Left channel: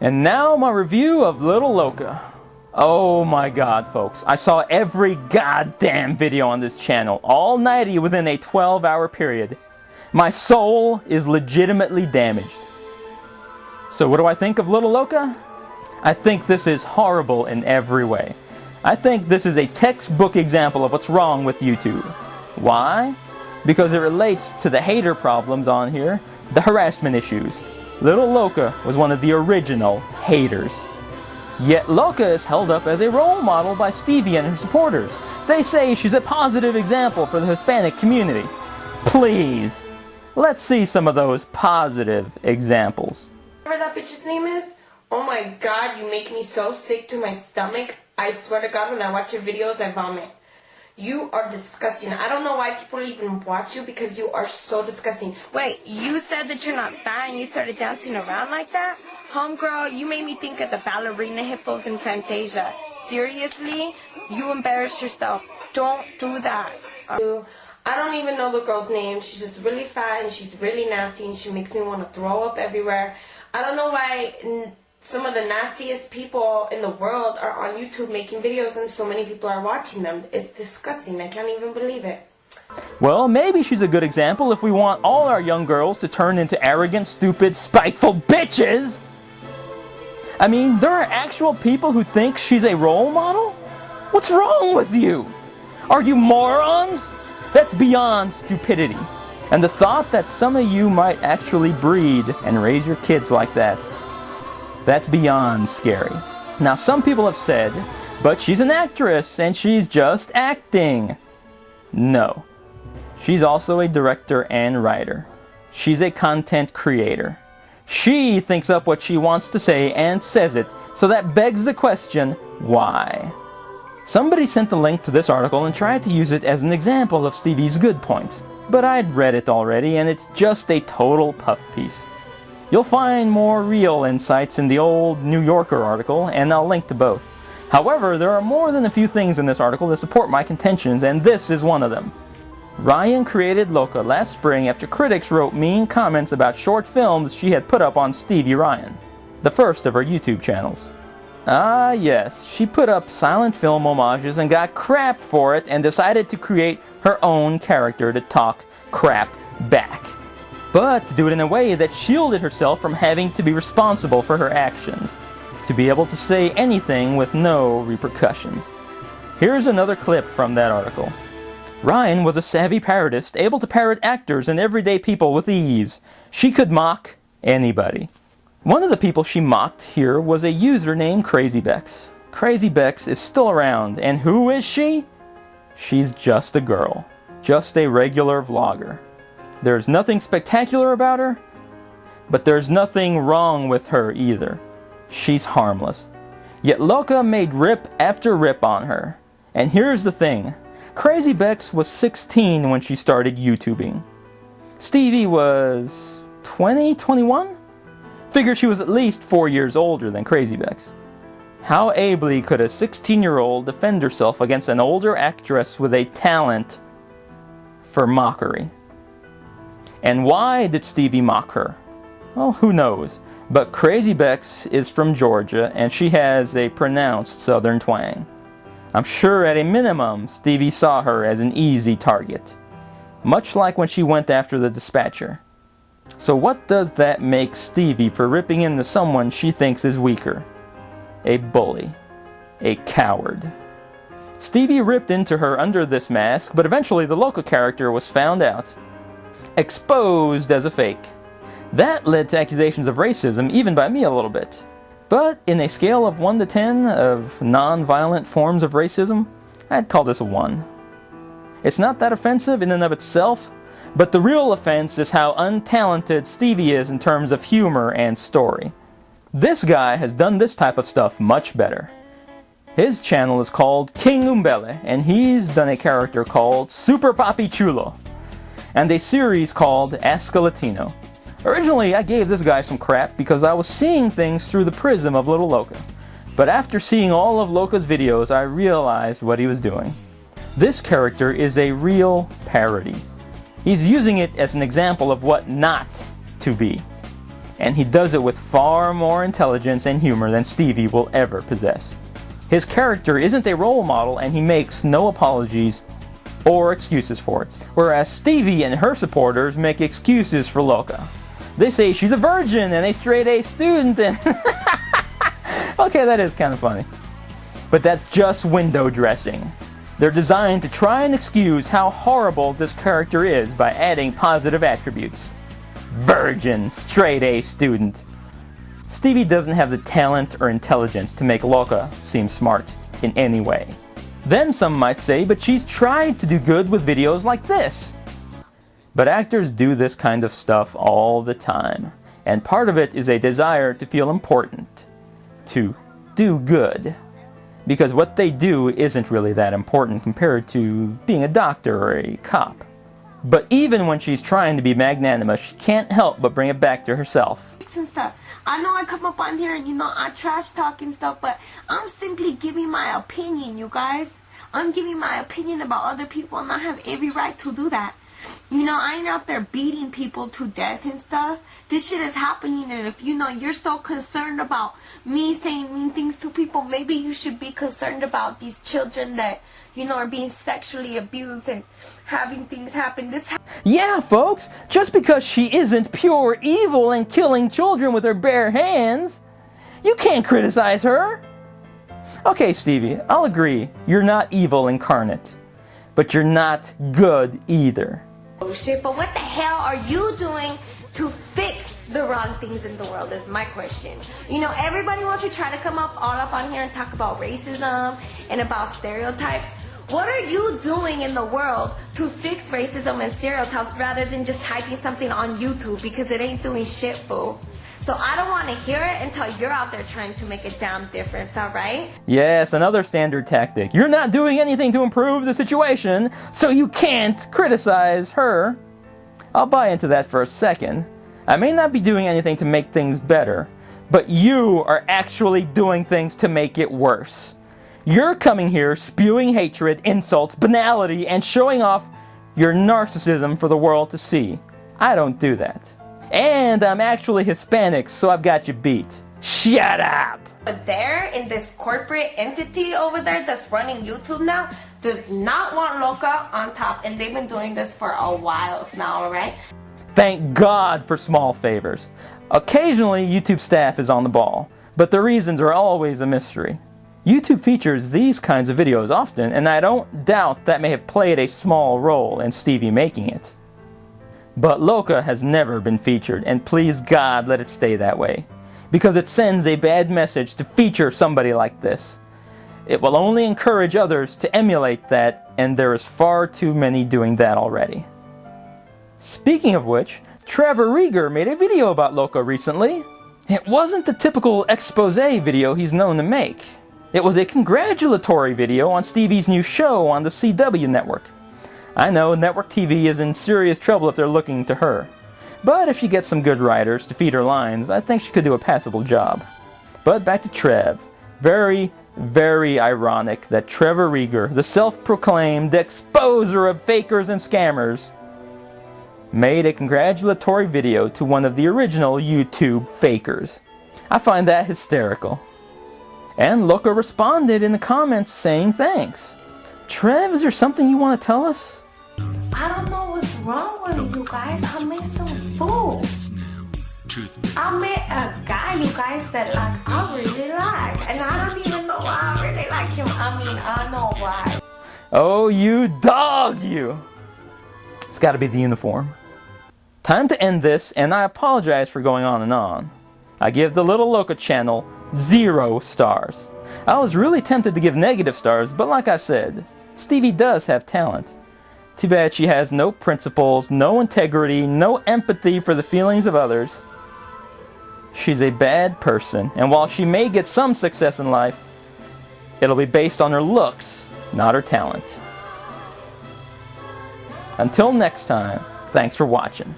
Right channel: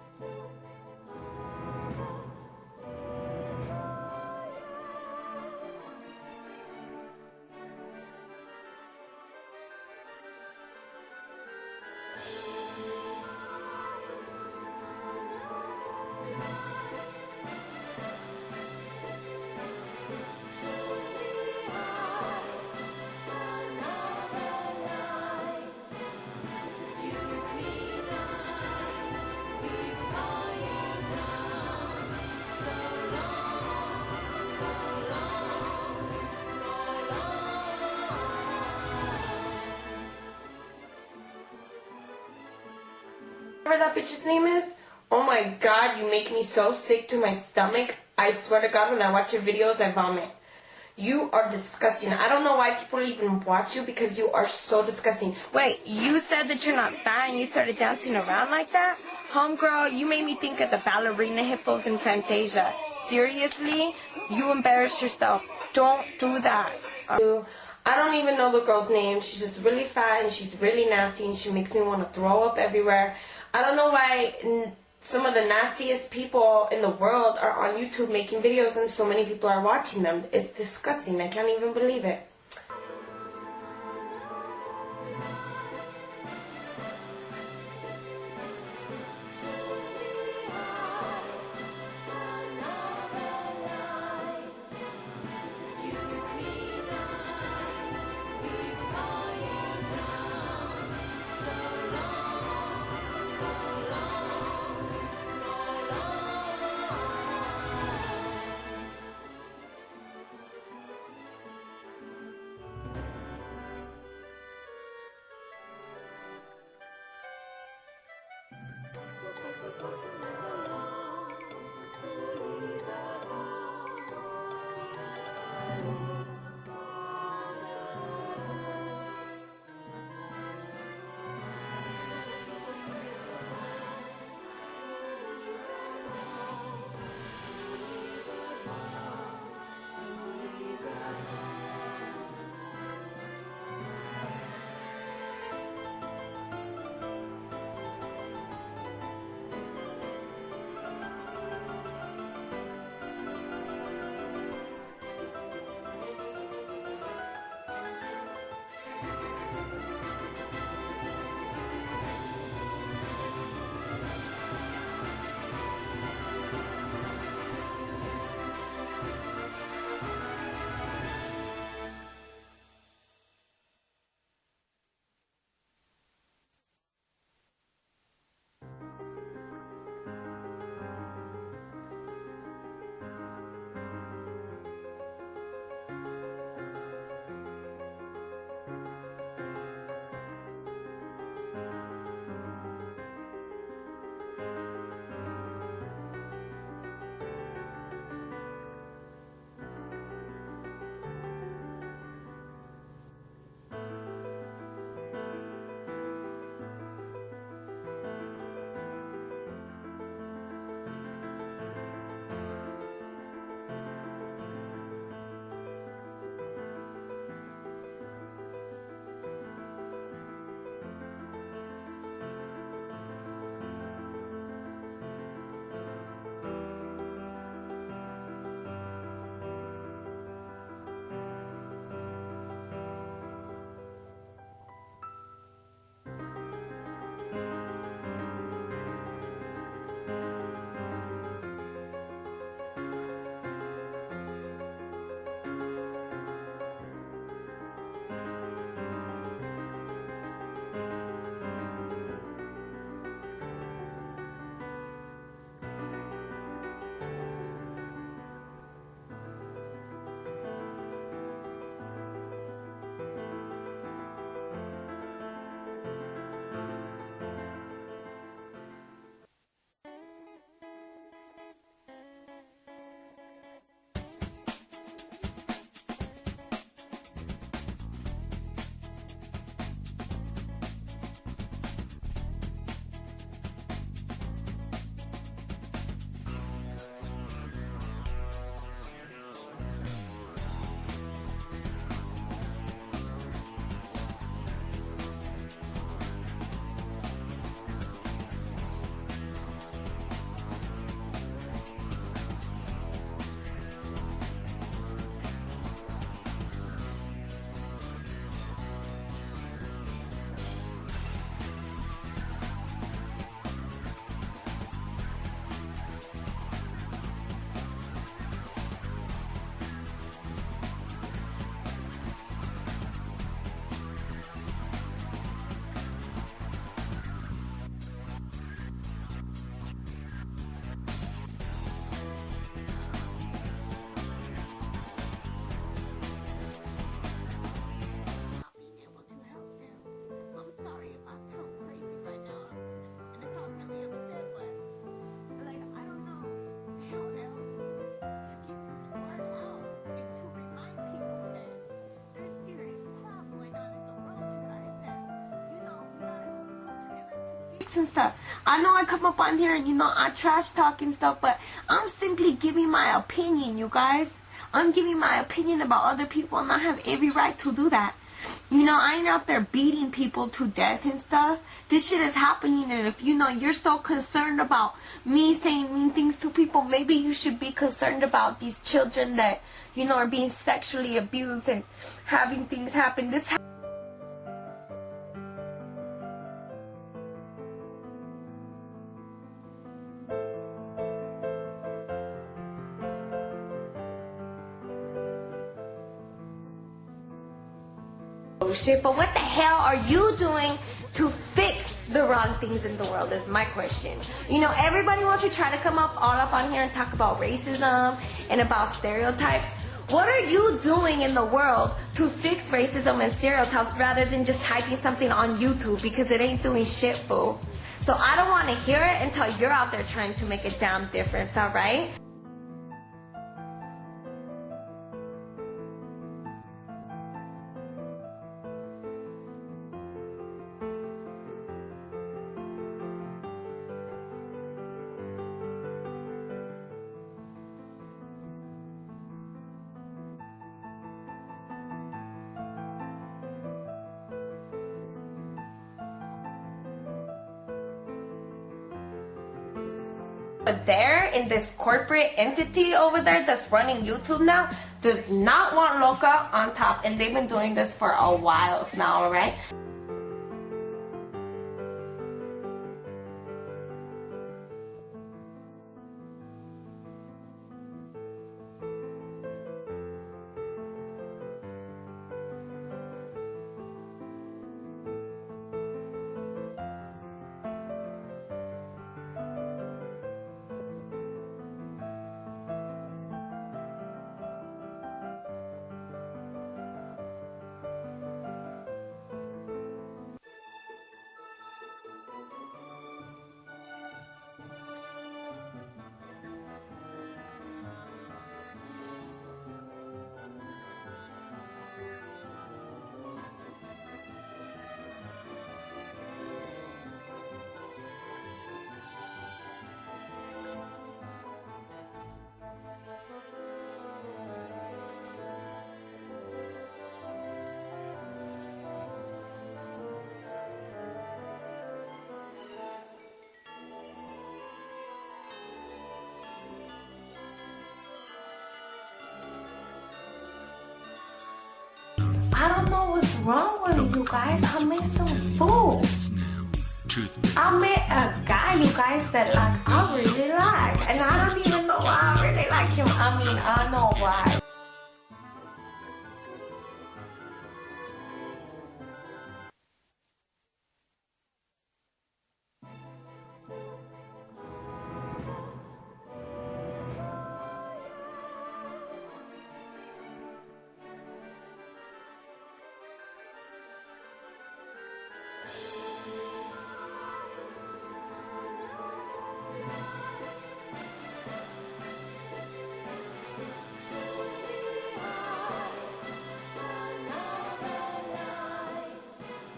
And now my review of LittleLoca. Oh my god, folks. I saw every goddamn video on this channel, all 90 within a 12-hour period. My soul is legitimately damaged. So what do I think of LittleLoca? I think this is horrible in every way. I think this is a textbook example of what's wrong with YouTube. Why? Because it relates to the hater problems on here, the harassment issues. LittleLoca was one of the original haters. Yet Loca is held up as a role model by Stevie and his supporters. They say she's a positive example for the Hispanic community. Please, let's see some of those positive examples. Whatever that bitch's name is, oh my god, you make me so sick to my stomach. I swear to god, when I watch your videos, I vomit. You are disgusting. I don't know why people even watch you because you are so disgusting. Wait, you said that you're not fat and you started dancing around like that? Homegirl, you made me think of the ballerina hippos in Fantasia. Seriously? You embarrassed yourself. Don't do that. I don't even know the girl's name. She's just really fat and she's really nasty and she makes me want to throw up everywhere. I don't know why some of the nastiest people in the world are on YouTube making videos and so many people are watching them. It's disgusting. I can't even believe it. Well, maybe she's a good example if we want all our young girls to turn into arrogant, stupid, spiteful bitches. I mean, there are actual people who think she's a role model? What's wrong with you? Are you morons? That's beyond stupidity. And the thought that some of you might actually breed and raise your kids like that, that's beyond scary. Now, some people have said, but she's an actress and she's just acting. No. She's also a director and writer. She's a content creator. She thinks up what she wants to say and says it, so that begs the question, why? Somebody sent the link to this article and tried to use it as an example of Stevie's good points, but I'd read it already and it's just a total puff piece. You'll find more real insights in the old New Yorker article, and I'll link to both. However, there are more than a few things in this article that support my contentions, and this is one of them. Ryan created Loca last spring after critics wrote mean comments about short films she had put up on Stevie Ryan, the first of her YouTube channels. Ah yes, she put up silent film homages and got crap for it and decided to create her own character to talk crap back. But to do it in a way that shielded herself from having to be responsible for her actions. To be able to say anything with no repercussions. Here's another clip from that article. Ryan was a savvy parodist, able to parrot actors and everyday people with ease. She could mock anybody. One of the people she mocked here was a user named CrazyBex. CrazyBex is still around, and who is she? She's just a girl. Just a regular vlogger. There's nothing spectacular about her, but there's nothing wrong with her either. She's harmless. Yet Loca made rip after rip on her. And here's the thing. CrazyBex was 16 when she started YouTubing. Stevie was 20, 21? Figure she was at least 4 years older than CrazyBex. How ably could a 16-year-old defend herself against an older actress with a talent for mockery? And why did Stevie mock her? Well, who knows? But CrazyBex is from Georgia and she has a pronounced southern twang. I'm sure at a minimum, Stevie saw her as an easy target. Much like when she went after the dispatcher. So what does that make Stevie for ripping into someone she thinks is weaker? A bully. A coward. Stevie ripped into her under this mask, but eventually the local character was found out. Exposed as a fake. That led to accusations of racism, even by me a little bit. But in a scale of 1 to 10 of non-violent forms of racism, I'd call this a 1. It's not that offensive in and of itself, but the real offense is how untalented Stevie is in terms of humor and story. This guy has done this type of stuff much better. His channel is called King Umbele, and he's done a character called Super Papi Chulo, and a series called Ask a Latino. Originally, I gave this guy some crap because I was seeing things through the prism of LittleLoca. But after seeing all of Loca's videos, I realized what he was doing. This character is a real parody. He's using it as an example of what not to be. and he does it with far more intelligence and humor than Stevie will ever possess. His character isn't a role model, and he makes no apologies or excuses for it, whereas Stevie and her supporters make excuses for Loca. They say she's a virgin and a straight-A student, and okay, that is kind of funny. But that's just window dressing. They're designed to try and excuse how horrible this character is by adding positive attributes. Virgin, straight-A student. Stevie doesn't have the talent or intelligence to make Loca seem smart in any way. Then some might say, but she's tried to do good with videos like this. But actors do this kind of stuff all the time, and part of it is a desire to feel important, to do good, because what they do isn't really that important compared to being a doctor or a cop. But even when she's trying to be magnanimous, she can't help but bring it back to herself. And stuff. I know I come up on here and I trash talk and stuff, but I'm simply giving my opinion, you guys. I'm giving my opinion about other people, and I have every right to do that. I ain't out there beating people to death and stuff. This shit is happening, and if you're so concerned about me saying mean things to people, maybe you should be concerned about these children that, are being sexually abused and having things happen. Yeah, folks, just because she isn't pure evil and killing children with her bare hands, you can't criticize her. Okay, Stevie, I'll agree, you're not evil incarnate, but you're not good either. Oh shit, but what the hell are you doing to fix the wrong things in the world is my question. Everybody wants to try to come up all up on here and talk about racism and about stereotypes. What are you doing in the world to fix racism and stereotypes rather than just typing something on YouTube, because it ain't doing shit, fool? So I don't want to hear it until you're out there trying to make a damn difference, alright? Yes, another standard tactic. You're not doing anything to improve the situation, so you can't criticize her. I'll buy into that for a second. I may not be doing anything to make things better, but you are actually doing things to make it worse. You're coming here spewing hatred, insults, banality, and showing off your narcissism for the world to see. I don't do that. And I'm actually Hispanic, so I've got you beat. Shut up! But there, in this corporate entity over there that's running YouTube now, does not want Loca on top, and they've been doing this for a while now, alright? Thank God for small favors. Occasionally, YouTube staff is on the ball, but the reasons are always a mystery. YouTube features these kinds of videos often, and I don't doubt that may have played a small role in Stevie making it. But Loca has never been featured, and please God let it stay that way, because it sends a bad message to feature somebody like this. It will only encourage others to emulate that, and there is far too many doing that already. Speaking of which, Trevor Rieger made a video about Loca recently. It wasn't the typical expose video he's known to make. It was a congratulatory video on Stevie's new show on the CW network. I know network TV is in serious trouble if they're looking to her. But if she gets some good writers to feed her lines, I think she could do a passable job. But back to Trev. Very, very ironic that Trevor Rieger, the self-proclaimed exposer of fakers and scammers, made a congratulatory video to one of the original YouTube fakers. I find that hysterical. And Loca responded in the comments saying thanks. Trev, is there something you want to tell us? I don't know what's wrong with you guys. I met some fool. I met a guy, you guys, that I really like. And I don't even know why I really like him. I know why. Oh, you dog, you! It's got to be the uniform. Time to end this, and I apologize for going on and on. I give the LittleLoca channel 0 stars. I was really tempted to give negative stars, but like I've said, Stevie does have talent. Too bad she has no principles, no integrity, no empathy for the feelings of others. She's a bad person, and while she may get some success in life, it'll be based on her looks, not her talent. Until next time, thanks for watching.